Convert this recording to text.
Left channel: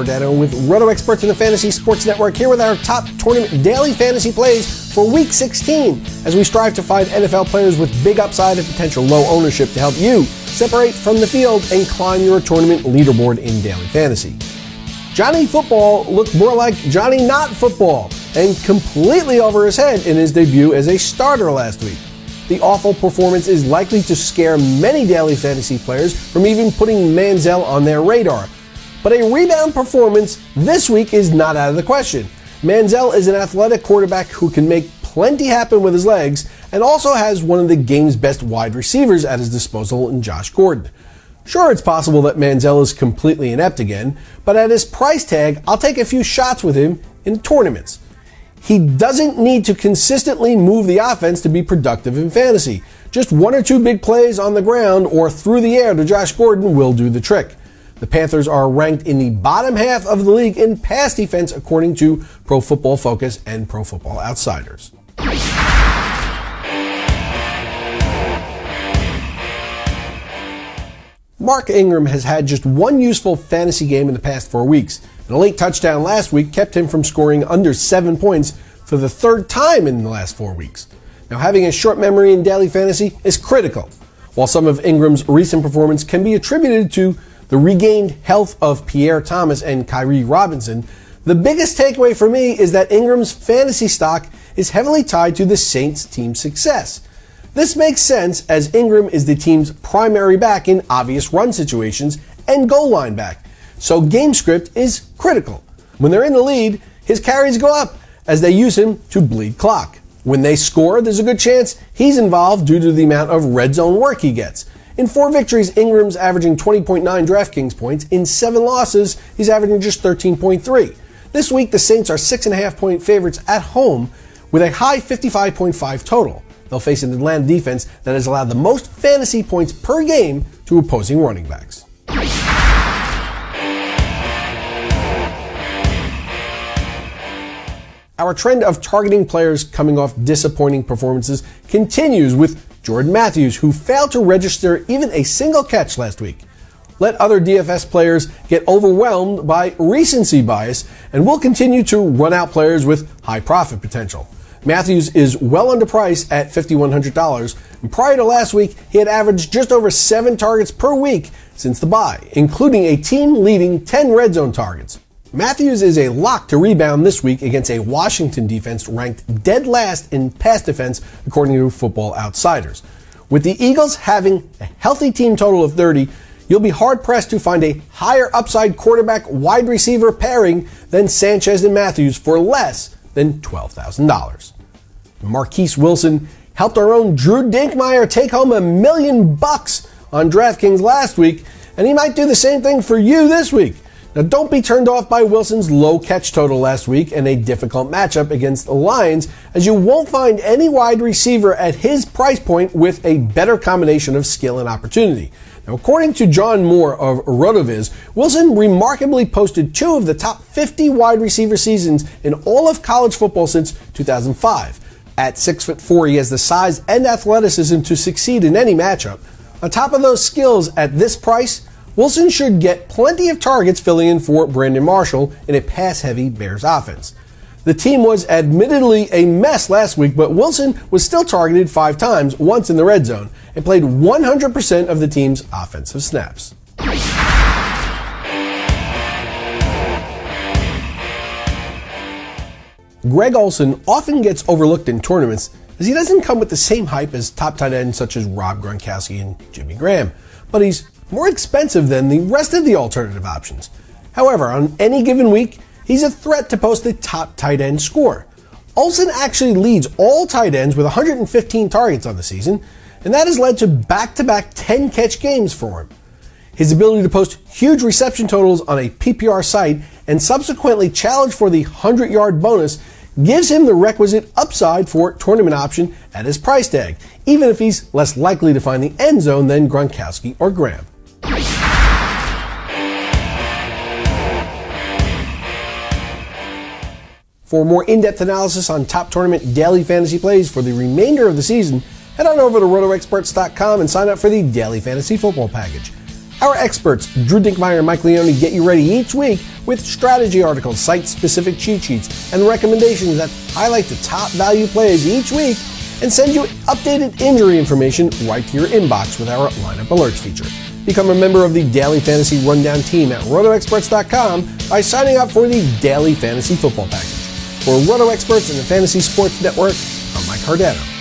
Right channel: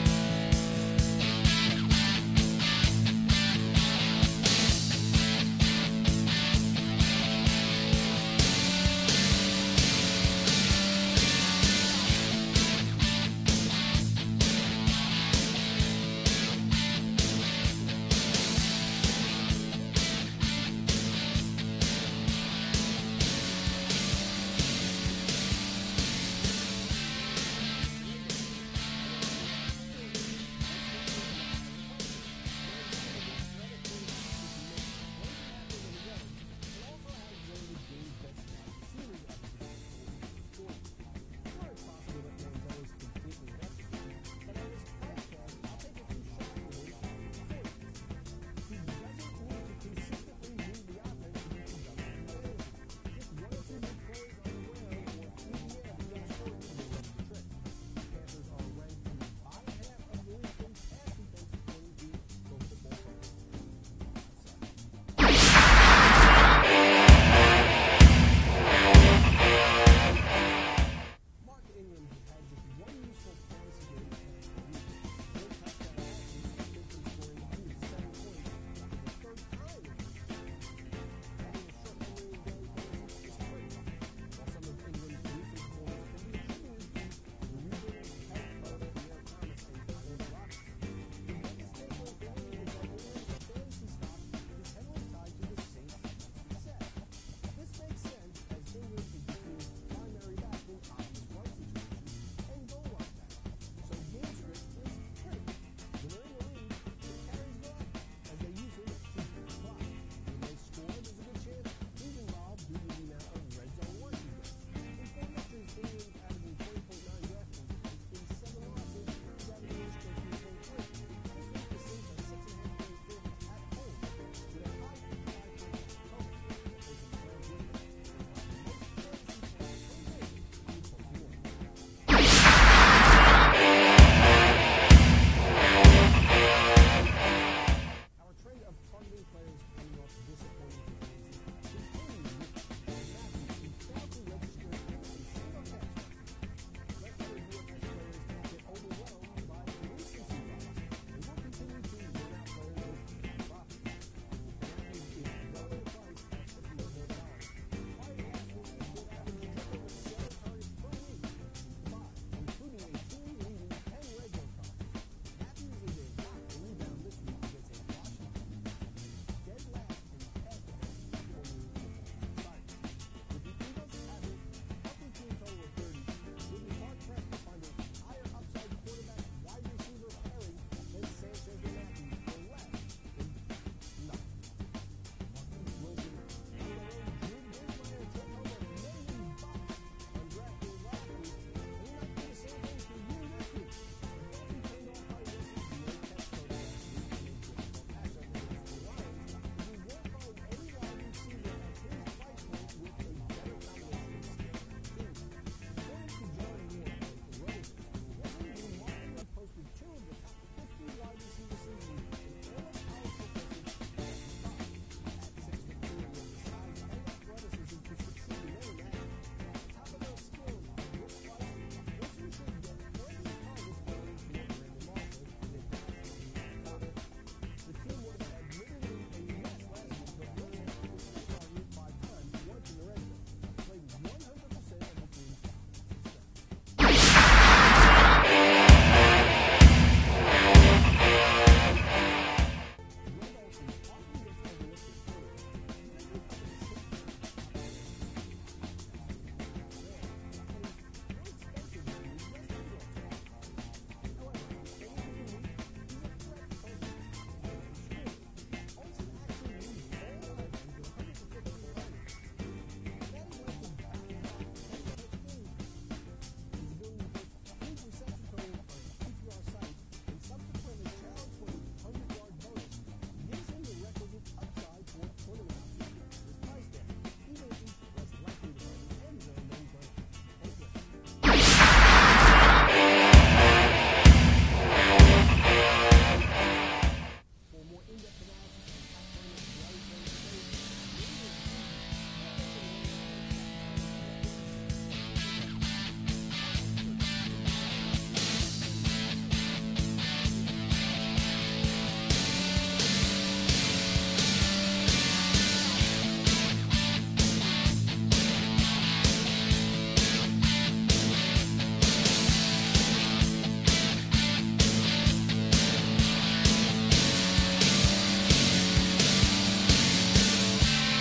Cardano with Roto Experts in the Fantasy Sports Network, here with our top tournament daily fantasy plays for Week 16, as we strive to find NFL players with big upside and potential low ownership to help you separate from the field and climb your tournament leaderboard in daily fantasy. Johnny Football looked more like Johnny Not Football and completely over his head in his debut as a starter last week. The awful performance is likely to scare many daily fantasy players from even putting Manziel on their radar. But a rebound performance this week is not out of the question. Manziel is an athletic quarterback who can make plenty happen with his legs and also has one of the game's best wide receivers at his disposal in Josh Gordon. Sure, it's possible that Manziel is completely inept again, but at his price tag, I'll take a few shots with him in tournaments. He doesn't need to consistently move the offense to be productive in fantasy. Just one or two big plays on the ground or through the air to Josh Gordon will do the trick. The Panthers are ranked in the bottom half of the league in pass defense according to Pro Football Focus and Pro Football Outsiders. Mark Ingram has had just one useful fantasy game in the past 4 weeks, and a late touchdown last week kept him from scoring under 7 points for the third time in the last 4 weeks. Now, having a short memory in daily fantasy is critical. While some of Ingram's recent performance can be attributed to the regained health of Pierre Thomas and Kyrie Robinson, the biggest takeaway for me is that Ingram's fantasy stock is heavily tied to the Saints' team's success. This makes sense as Ingram is the team's primary back in obvious run situations and goal line back, so game script is critical. When they're in the lead, his carries go up as they use him to bleed clock. When they score, there's a good chance he's involved due to the amount of red zone work he gets. In 4 victories, Ingram's averaging 20.9 DraftKings points. In 7 losses, he's averaging just 13.3. This week, the Saints are 6.5-point favorites at home with a high 55.5 total. They'll face an Atlanta defense that has allowed the most fantasy points per game to opposing running backs. Our trend of targeting players coming off disappointing performances continues with Jordan Matthews, who failed to register even a single catch last week. Let other DFS players get overwhelmed by recency bias, and we'll continue to run out players with high profit potential. Matthews is well underpriced at $5,100, and prior to last week, he had averaged just over 7 targets per week since the bye, including a team-leading 10 red zone targets. Matthews is a lock to rebound this week against a Washington defense ranked dead last in pass defense according to Football Outsiders. With the Eagles having a healthy team total of 30, you'll be hard-pressed to find a higher upside quarterback-wide receiver pairing than Sanchez and Matthews for less than $12,000. Marquess Wilson helped our own Drew Dinkmeyer take home $1 million on DraftKings last week, and he might do the same thing for you this week. Now, don't be turned off by Wilson's low catch total last week and a difficult matchup against the Lions, as you won't find any wide receiver at his price point with a better combination of skill and opportunity. Now, according to John Moore of RotoViz, Wilson remarkably posted 2 of the top 50 wide receiver seasons in all of college football since 2005. At 6'4", he has the size and athleticism to succeed in any matchup. On top of those skills at this price, Wilson should get plenty of targets filling in for Brandon Marshall in a pass-heavy Bears offense. The team was admittedly a mess last week, but Wilson was still targeted 5 times, once in the red zone, and played 100% of the team's offensive snaps. Greg Olsen often gets overlooked in tournaments as he doesn't come with the same hype as top tight ends such as Rob Gronkowski and Jimmy Graham, but he's more expensive than the rest of the alternative options. However, on any given week, he's a threat to post the top tight end score. Olsen actually leads all tight ends with 115 targets on the season, and that has led to back-to-back 10-catch games for him. His ability to post huge reception totals on a PPR site and subsequently challenge for the 100-yard bonus gives him the requisite upside for tournament option at his price tag, even if he's less likely to find the end zone than Gronkowski or Graham. For more in-depth analysis on top tournament daily fantasy plays for the remainder of the season, head on over to rotoexperts.com and sign up for the Daily Fantasy Football Package. Our experts, Drew Dinkmeyer and Mike Leone, get you ready each week with strategy articles, site-specific cheat sheets, and recommendations that highlight the top value plays each week and send you updated injury information right to your inbox with our lineup alerts feature. Become a member of the Daily Fantasy Rundown team at rotoexperts.com by signing up for the Daily Fantasy Football Package. For Roto Experts and the Fantasy Sports Network, I'm Mike Cardano.